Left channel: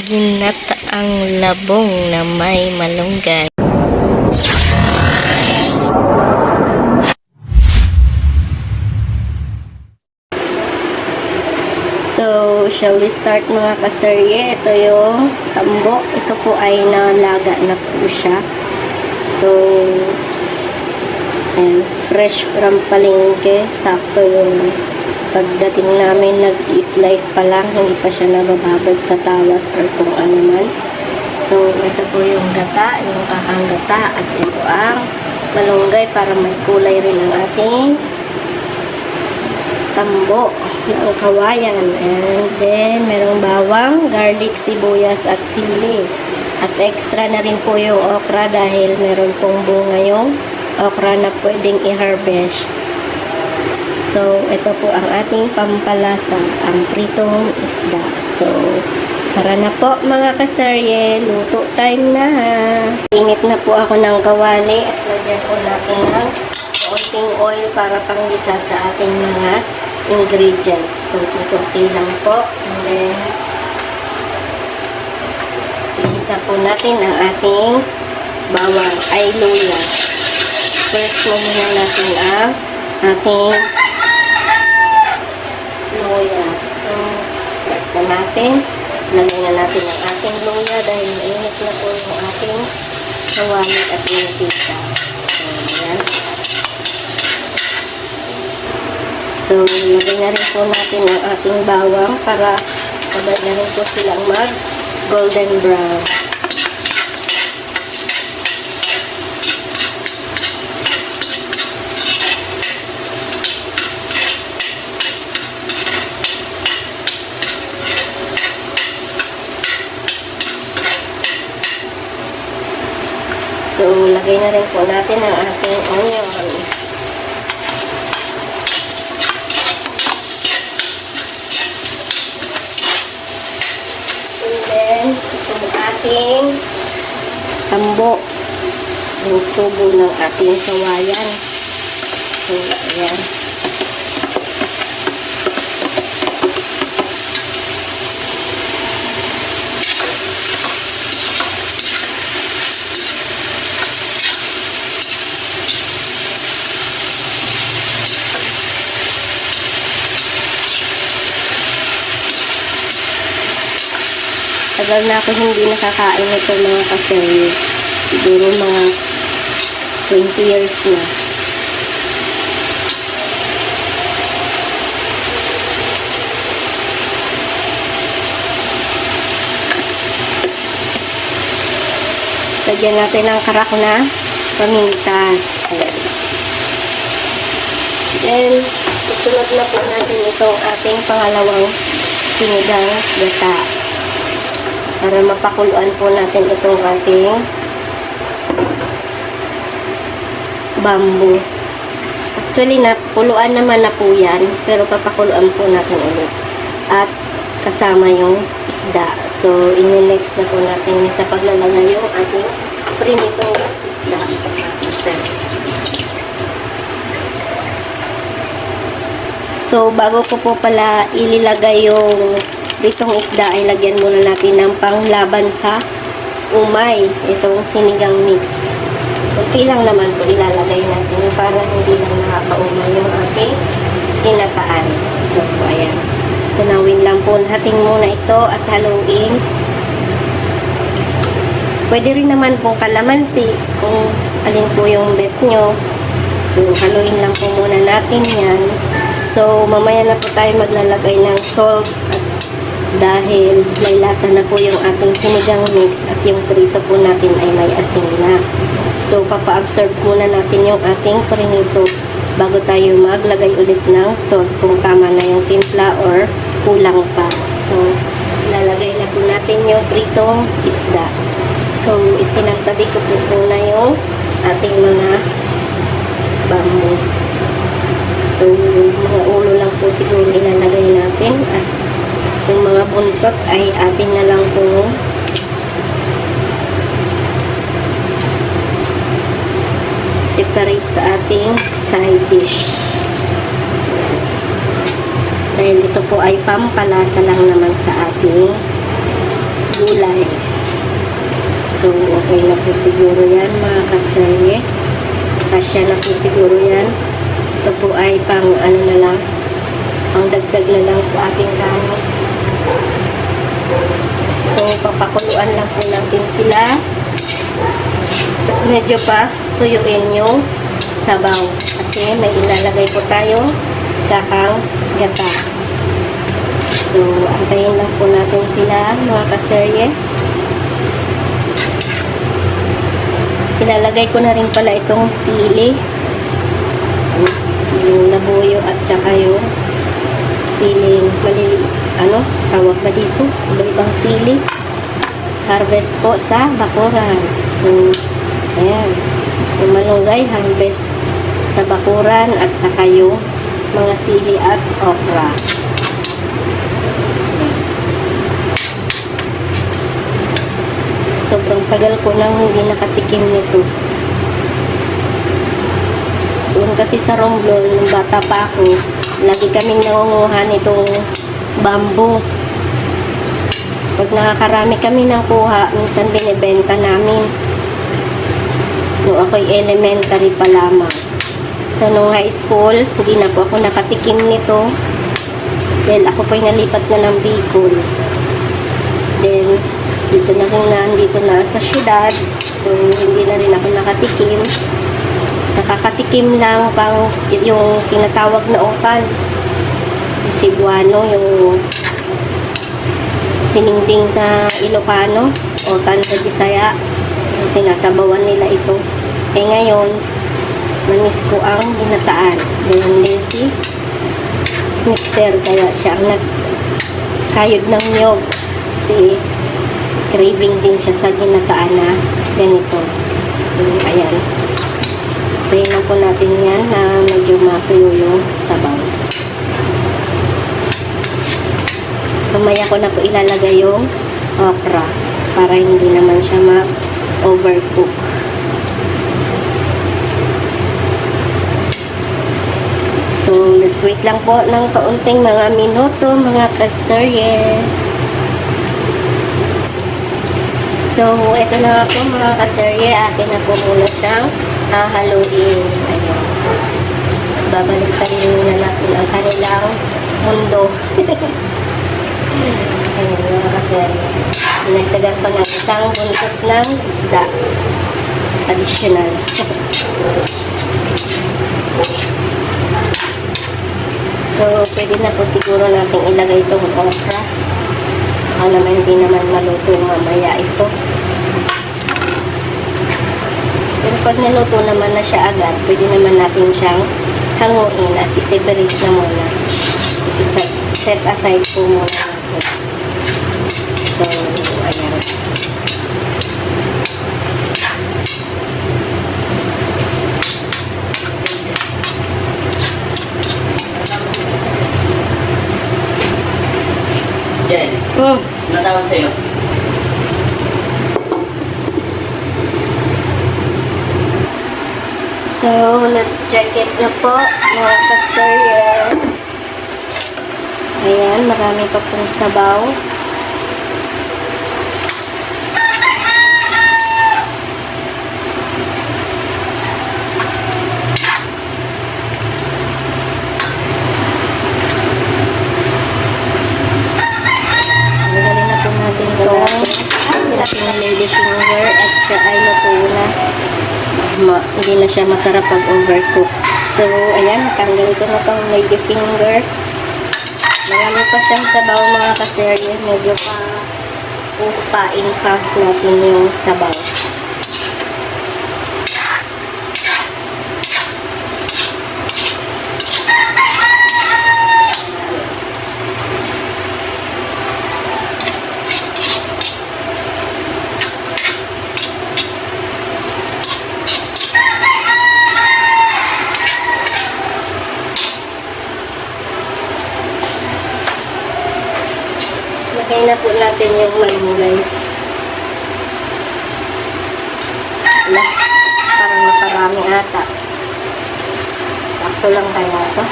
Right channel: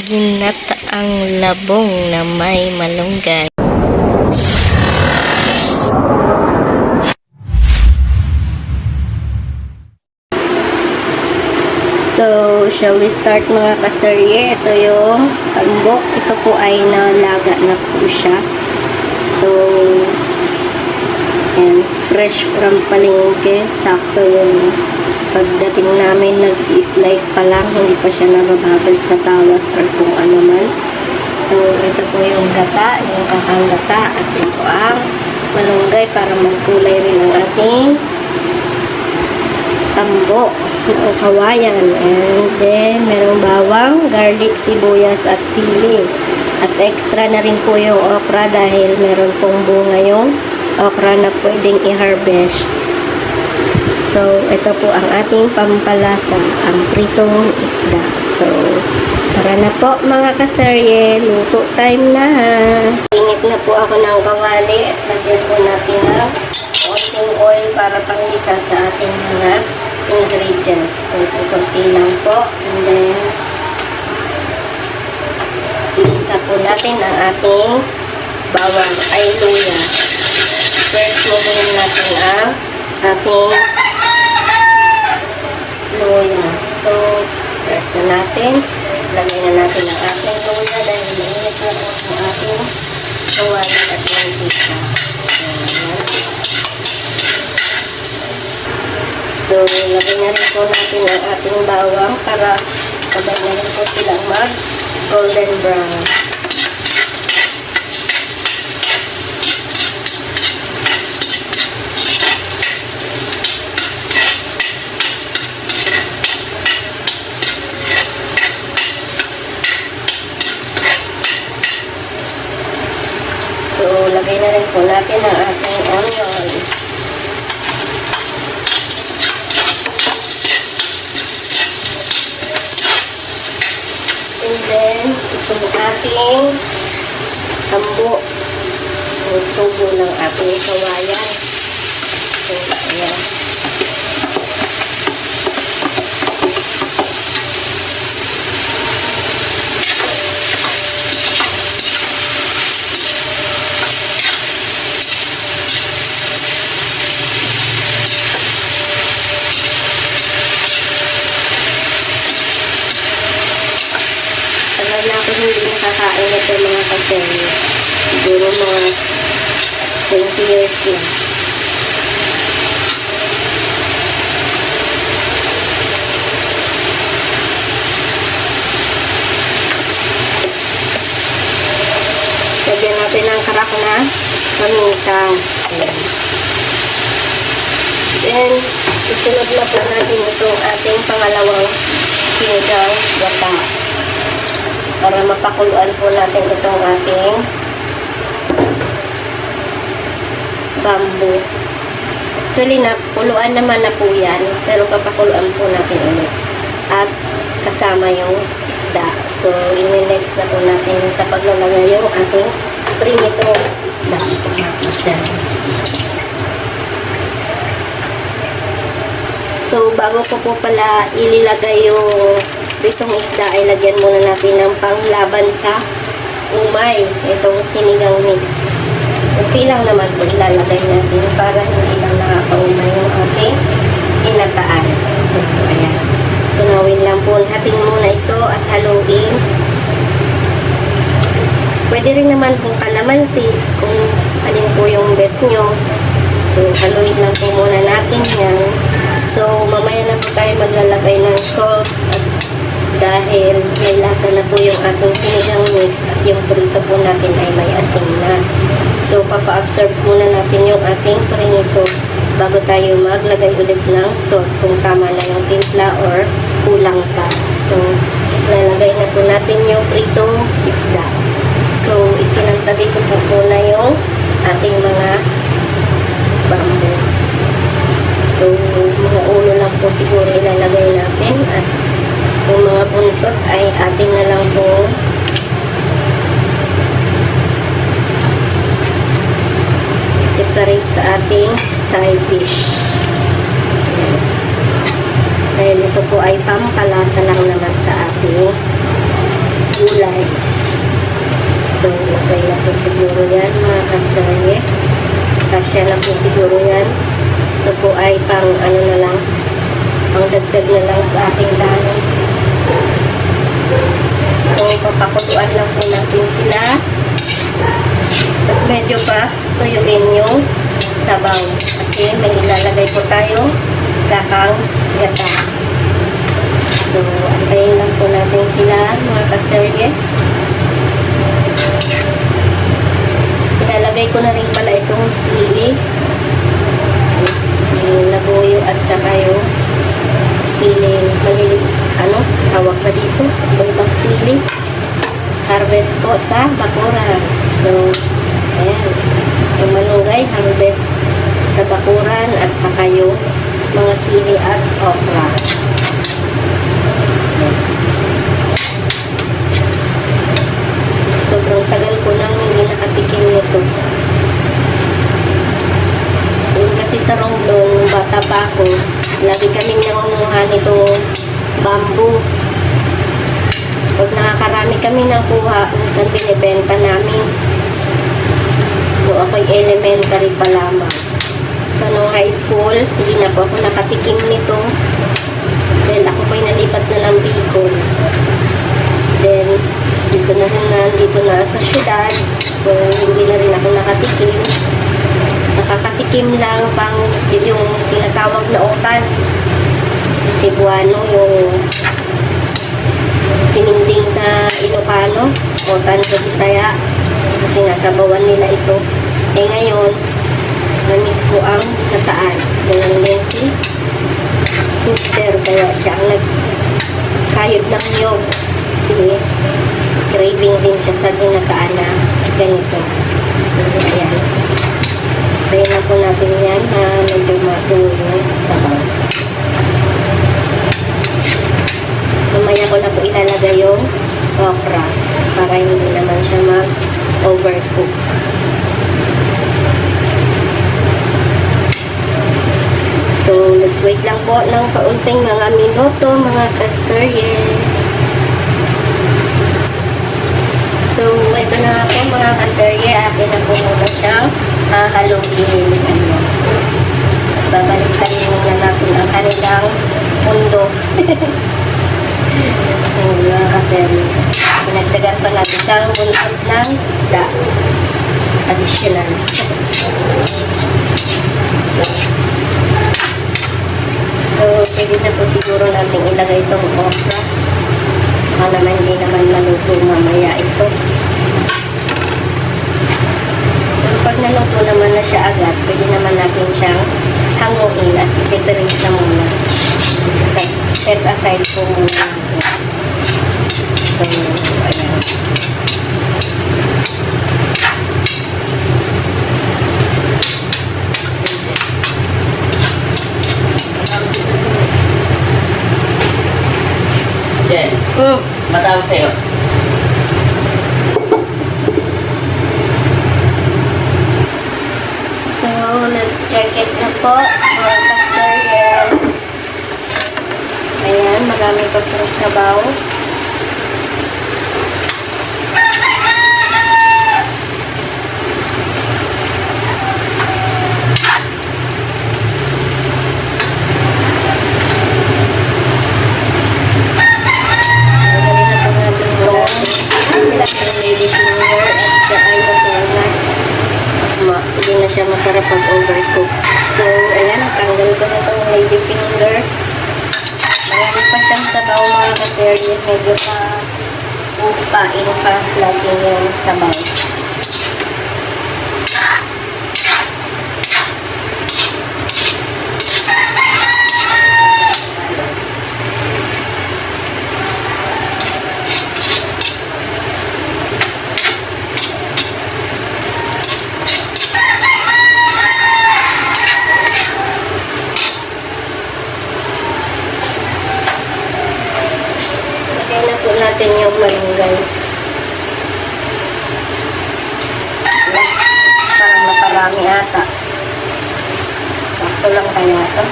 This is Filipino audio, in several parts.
Ginataang labong na may malunggay. So, shall we start mga kasarye? Ito yung tambo. Ito po ay nalaga na po siya. So, and fresh from palengke. Sakto yung pagdating namin, nag-slice pa lang. Hindi pa siya nabababad sa tawas or kung ano man. So, ito po yung gata, yung kakang gata. At ito ang malunggay para may kulay rin ang ating tambo ng kawayan. And then, merong bawang, garlic, sibuyas, at sili. At extra na rin po yung okra dahil meron pong bunga yung okra na pwedeng i-harvest. So, ito po ang ating pampalasa, ang pritong isda. So, tara na po mga kasarye, luto time na. Ingit na po ako ng kawali at lagyan po natin ng konting oil para panggisa sa ating mga ingredients. Konti-konti lang po. And then, isa po natin ang ating bawang ay luya. First po muna natin ang ating luya. So, start na natin. Lagay na natin ang ating luya dahil mainit na po ang ating kawali at mantika. Ayan. So, lagay na rin po natin ang ating bawang para pagdating po silang mag-golden brown. So, lagay na rin po natin ang ating onion. And then, ito ang ating tambo. Tubo ng ating kawayan. So, ayan. Tagal na ako hindi nakakain ito mga kasarye. Siguro mga 20 years na. Lagyan natin ng karak na paminta. Ayan. Then, isunod na po natin itong ating pangalawang sinigang gata. Para mapakuluan po natin itong ating bamboo. Actually, napuluan naman na po yan. Pero papakuluan po natin ulit. At kasama yung isda. So, inilex na po natin sa paglalagay yung ating prinitong isda. So, bago ko po pala ililagay yung pritong isda ay lagyan muna natin ng panglaban sa umay. Itong sinigang mix. Okay lang naman po ilalagay natin para hindi lang nakakaumay yung ating ginataan. So, ayan. Tunawin lang po natin muna ito at haluin. Pwede rin naman po kalamansi kung alin po yung bet nyo. So, haluin lang po muna natin yan. So, mamaya na po tayo maglalagay ng salt dahil may lasa na po yung ating sinigang mix at yung prito po natin ay may asin na. So, papa-absorb muna natin yung ating prinito bago tayo maglagay ulit ng salt kung tama na yung timpla or kulang pa. So, lalagay na po natin yung pritong isda. So, isinantabi ko po muna yung ating mga bamboo. So, mga ulo lang po siguro ilalagay natin at yung mga buntot ay atin na lang po separate sa ating side dish. Dahil ito po ay pampalasa lang naman sa ating gulay. po siguro yan mga kasarye. Kasya na po siguro yan. Ito po ay pang ano na lang, pang dagdag na lang sa aking kanin. So, papakuluan lang po natin sila. Medyo pa tuyuin yung sabaw. Kasi may ilalagay po tayong dakang gata. So, antayin lang po natin sila mga kaserye. Ilalagay ko na rin pala itong sili. Siling labuyo at saka yung siling maliliit. Ano? Tawag na dito. Ibang sili. Harvest po sa bakuran. So, ayan. Yung malunggay, harvest sa bakuran at saka yung mga sili at okra. Sobrang tagal ko nang hindi nakatikim nito. Yung kasi sa Romblon, nung bata pa ako, lagi kaming nangunguha nitong bamboo. Pag nakakarami kami ng kuha, minsan binibenta namin. Kung ako'y elementary pa lamang. So, nung high school, hindi na po ako nakatikim nito. Then, ako po'y nalipat na ng Bicol. Then, dito na rin nandito na sa syudad. So, hindi na rin ako nakatikim. Nakakatikim lang pang yung tinatawag na otan. Cebuano, yung pininding sa Ilocano, otan sa Bisaya. Sinasabawan nila ito. Eh ngayon, namis ko ang ginataan. Ngayon din si Mister, kaya siya ang nagkayod ng niyog. Kasi craving din siya sa ginataan na ganito. So, ayan. Tayin po natin yan na medyo matuyo yung sabaw. Mamaya ko na po ilalagay yung okra para hindi naman siya ma-overcook. So, let's wait lang po ng kaunting mga minuto, mga kaserye. So, ito na ako mga kaserye. Akin na po muna siyang haluin. Ayan. Babalikan na natin ang kanilang mundo. Ayan, mga kaserye. Pinagdagan pa natin isang buntot ng isda. Additional. So, pwede na po siguro natin ilagay itong okra. Ako naman hindi naman maluto mamaya ito. Pero pag naluto naman na siya agad, pwede naman natin siyang hanguin at i-separate na muna. Set aside po muna natin. So, ayan. Jen, matawag sa'yo. So, let's check it na po, mga kaserye. Ayan, marami pa pong sabaw. Hindi na siya masarap pag overcook. So, ayan, tanggalin ko na itong lady finger. Marami pa siyang sabaw mga kaserye. Medyo pa upain pa natin yung sabaw. Lagay na po natin yung malunggay. Parang makarami ata. Ito lang kaya ito.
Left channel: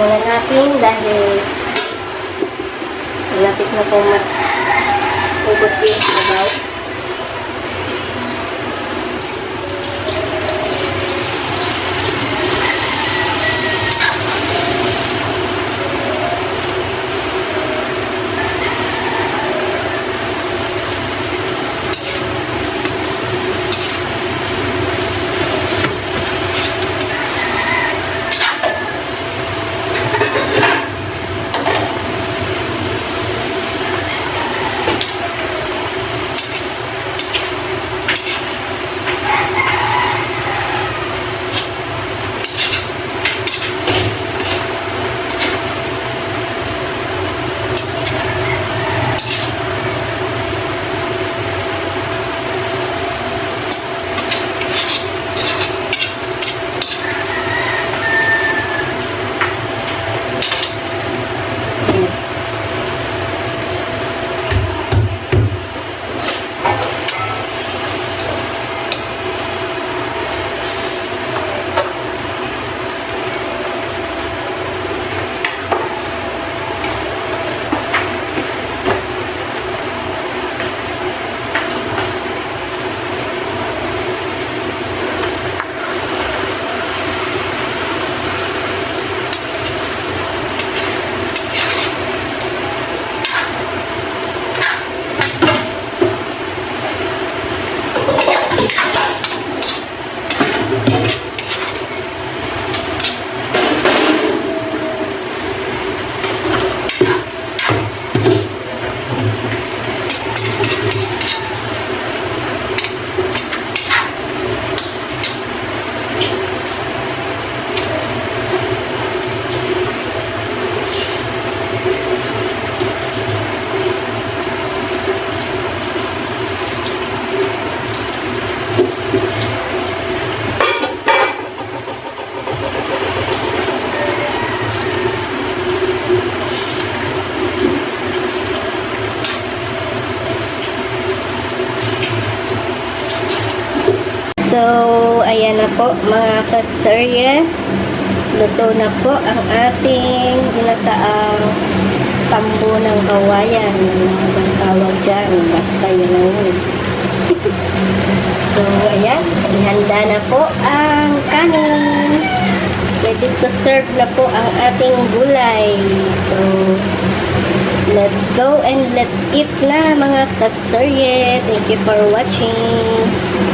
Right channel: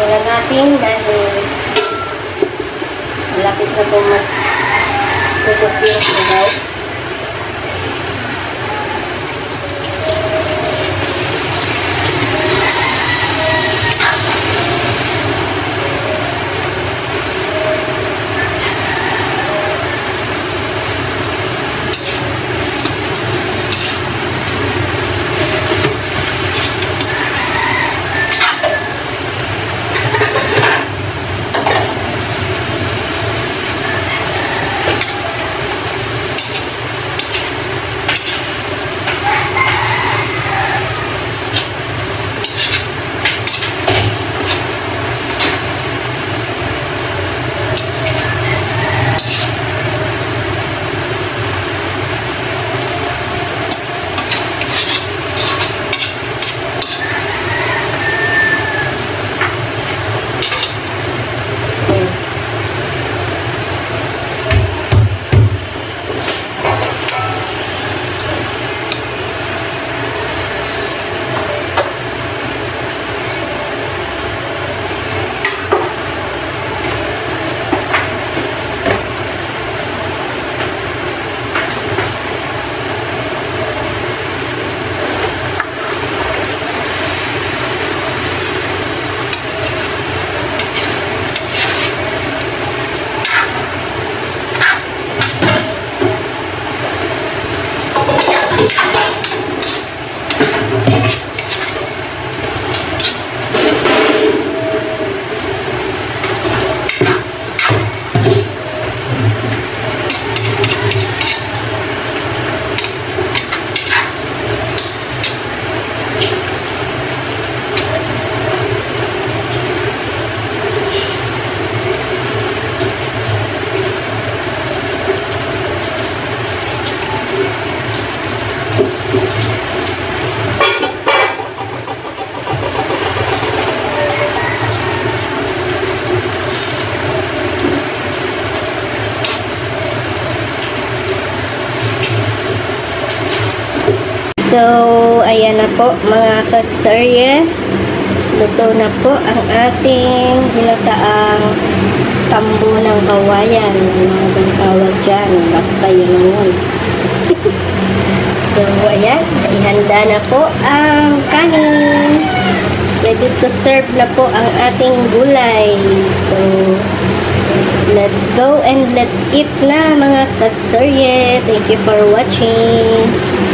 muna natin dahil malapit na pong pupus yung sabaw. So, ayan na po mga kasarye. Luto na po ang ating ginataang tambo ng kawayan. Mga tawag dyan. Basta yun lang yun. So, ayan. Ihanda na po ang kanin. Ready to serve na po ang ating gulay. So, let's go and let's eat na mga kasarye. Thank you for watching.